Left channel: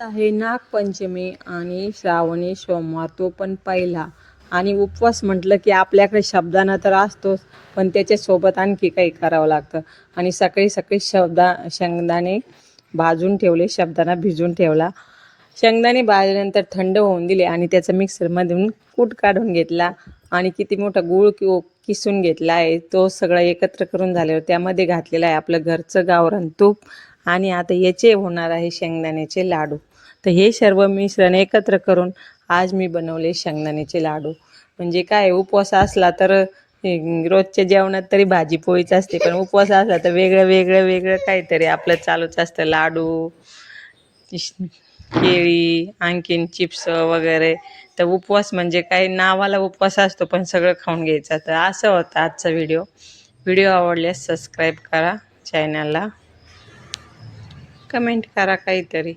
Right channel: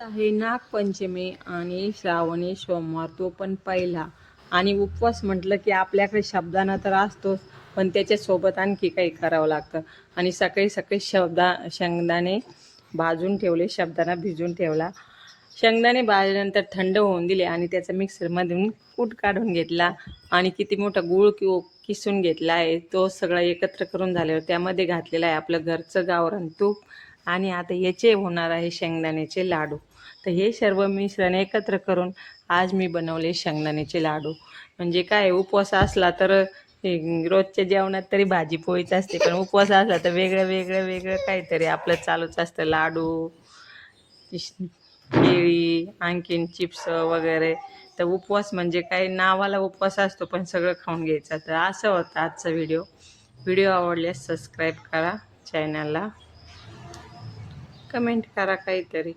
आहे नागपंचमी आणि श्रावणी सोमवार, तो पण पहिला. आणि उपवास म्हटलं की आपल्याकडे शब्दानं तर असतोच, पण त्याच्यासोबत आणखी काही करावं लागतं. आणि सकाळी सकाळी शेंगदाणे भाजून ठेवले, शब्दाना भिजून ठेवला. शेंगदाणे भाजल्यानंतर थंड होऊन दिले आणि त्याचा मिक्सरमधून कूट काढून घेतला आणि किती मोठा गूळ किसून घेतला आहे, तो सगळा एकत्र करून झाल्यावर त्यामध्ये घातलेला आहे आपलं घरचं गावरान तूप. आणि आता याचे होणार आहे शेंगदाण्याचे लाडू. तर हे सर्व मिश्रण एकत्र करून आज मी बनवले शेंगदाण्याचे लाडू. म्हणजे काय, उपवास असला तर रोजच्या जेवणात तरी भाजी पोळीच असते, पण उपवास असला तर वेगळं वेगळं वेगळं काहीतरी आपलं चालूच असतं. लाडू, केळी, आणखीन चिप्स वगैरे. तर उपवास म्हणजे काही नावाला उपवास असतो, पण सगळं खाऊन घ्यायचं. तर असं होतं आजचा व्हिडिओ. व्हिडिओ आवडल्यास सबस्क्राईब करा चॅनलला, कमेंट करा काहीतरी.